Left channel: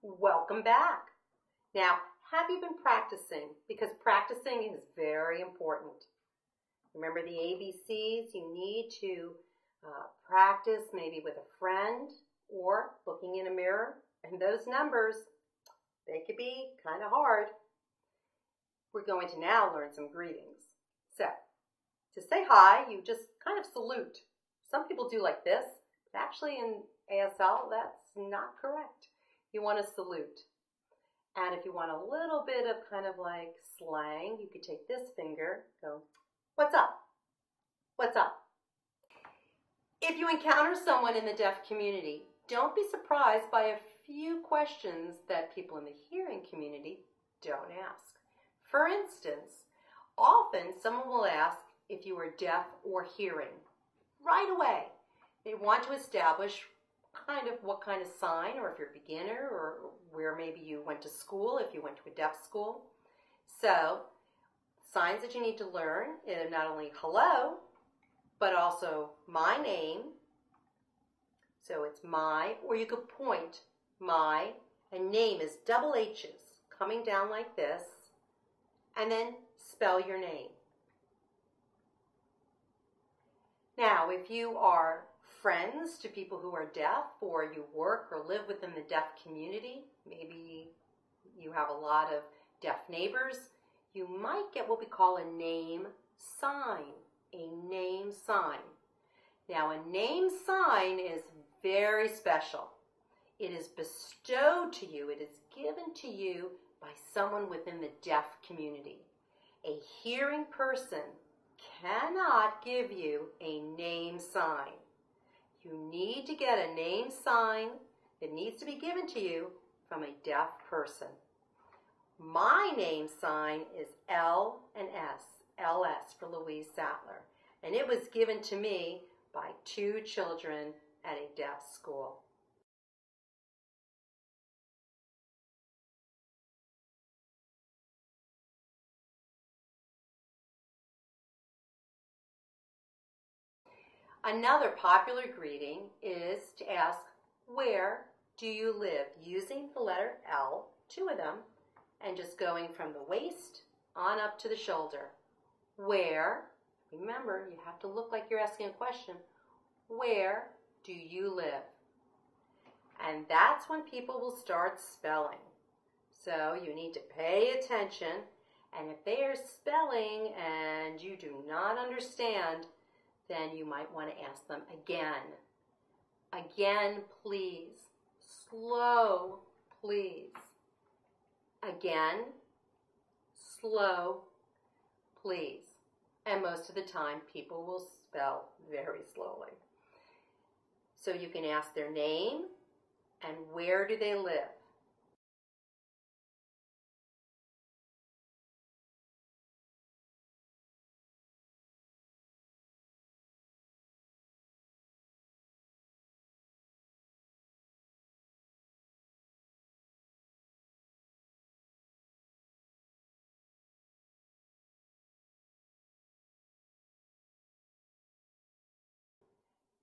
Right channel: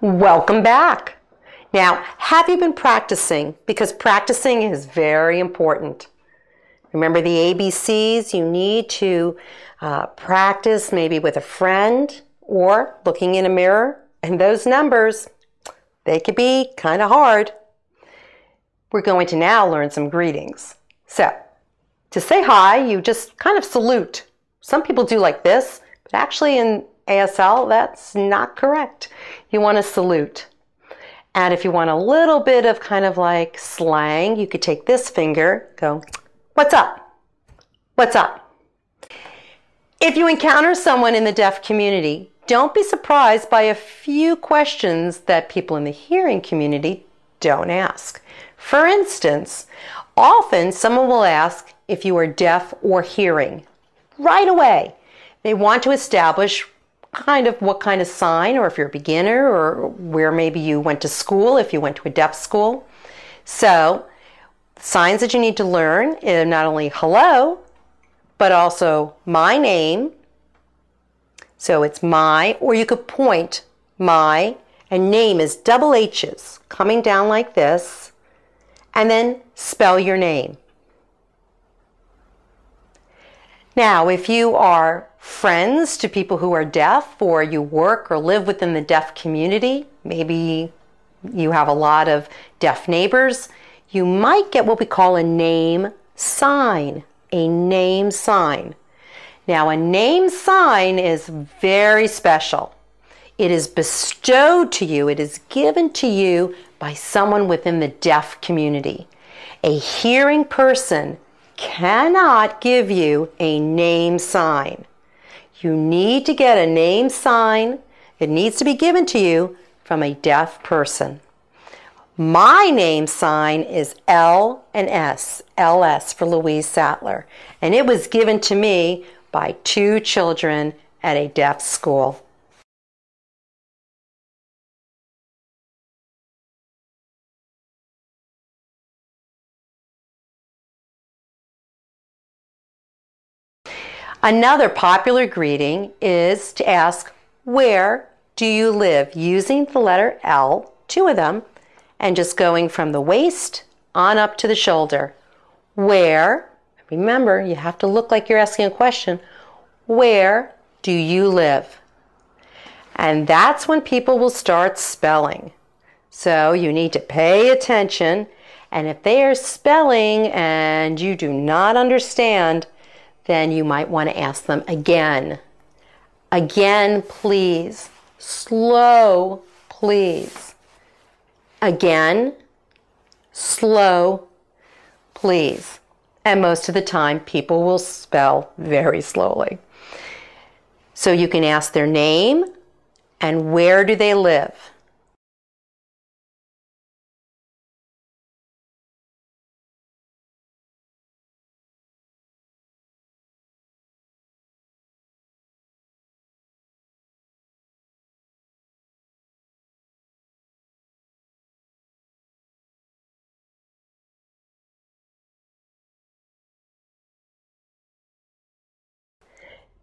Welcome back. Now, have you been practicing? Because practicing is very important. Remember the ABCs? You need to practice maybe with a friend or looking in a mirror. And those numbers, they could be kind of hard. We're going to now learn some greetings. So, to say hi, you just kind of salute. Some people do like this, but actually in ASL, that's not correct. You want to salute. And if you want a little bit of kind of like slang, you could take this finger, go, "What's up? What's up?" If you encounter someone in the deaf community, don't be surprised by a few questions that people in the hearing community don't ask. For instance, often someone will ask if you are deaf or hearing. Right away, they want to establish kind of what kind of sign, or if you're a beginner, or where maybe you went to school, if you went to a deaf school. So, signs that you need to learn is not only hello, but also my name. So it's my, or you could point my, and name is double H's coming down like this, and then spell your name. Now, if you are friends to people who are deaf, or you work or live within the deaf community, maybe you have a lot of deaf neighbors, you might get what we call a name sign. A name sign. Now, a name sign is very special. It is bestowed to you, it is given to you by someone within the deaf community. A hearing person cannot give you a name sign. You need to get a name sign. It needs to be given to you from a deaf person. My name sign is L and S, LS for Louise Sattler, and it was given to me by 2 children at a deaf school. Another popular greeting is to ask, "Where do you live?" using the letter L, 2 of them, and just going from the waist on up to the shoulder. Where, remember, you have to look like you're asking a question, where do you live? And that's when people will start spelling. So you need to pay attention, and if they are spelling and you do not understand, then you might want to ask them again. Again, please. Slow, please. Again, slow, please. And most of the time, people will spell very slowly. So you can ask their name and where do they live.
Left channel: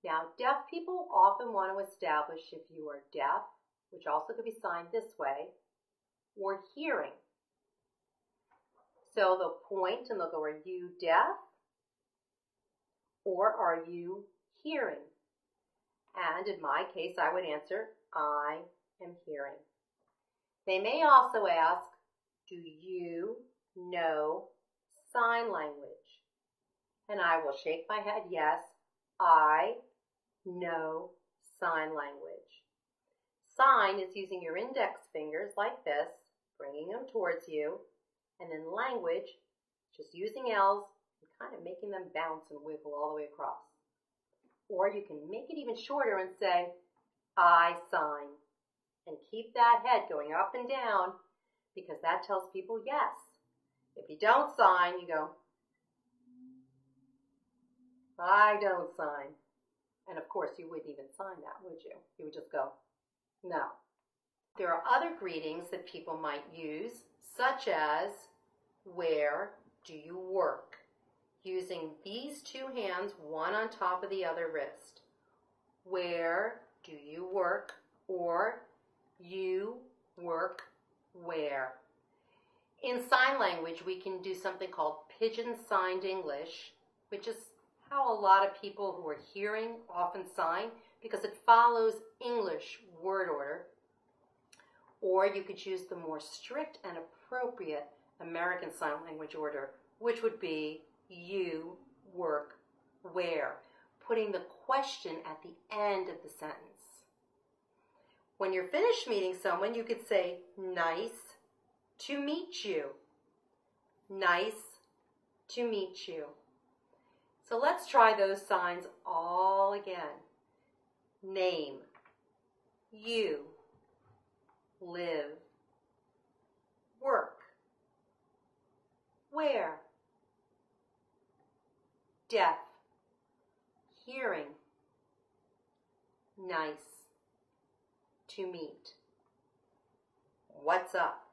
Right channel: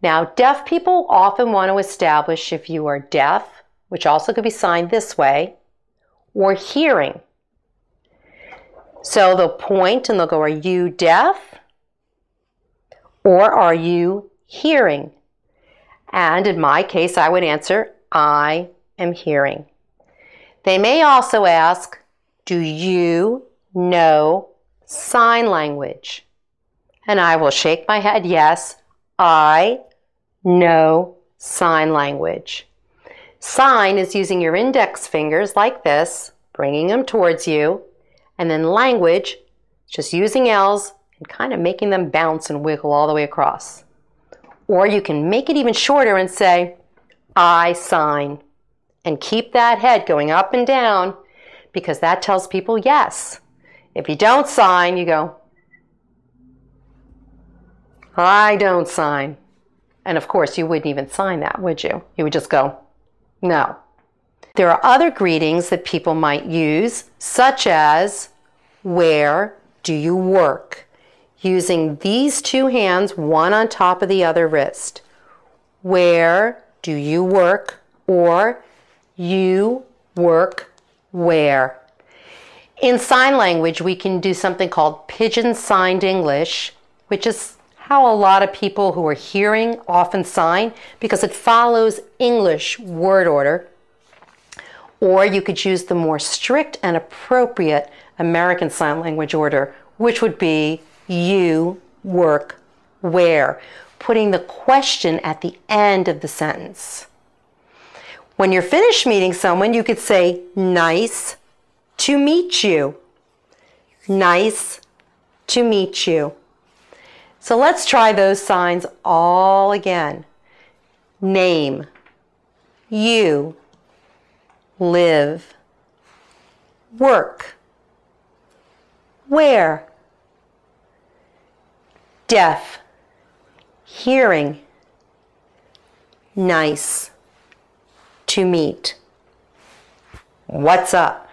Now, deaf people often want to establish if you are deaf, which also could be signed this way, or hearing. So they'll point and they'll go, "Are you deaf?" or "Are you hearing?" And in my case, I would answer, "I am hearing." They may also ask, "Do you know sign language?" And I will shake my head, yes, I know sign language. Sign is using your index fingers like this, bringing them towards you, and then language, just using L's and kind of making them bounce and wiggle all the way across. Or you can make it even shorter and say, "I sign," and keep that head going up and down, because that tells people yes. If you don't sign, you go, "I don't sign." And of course, you wouldn't even sign that, would you? You would just go, "No." There are other greetings that people might use, such as, "Where do you work?" using these 2 hands, one on top of the other wrist. "Where do you work?" or "You work, where. In sign language, we can do something called pigeon signed English, which is how a lot of people who are hearing often sign because it follows English word order. Or you could use the more strict and appropriate American Sign Language order, which would be you, work, where, putting the question at the end of the sentence. When you're finished meeting someone, you could say, nice to meet you. Nice to meet you. So let's try those signs all again. Name, you, live, work, where, deaf, hearing, nice to meet. What's up?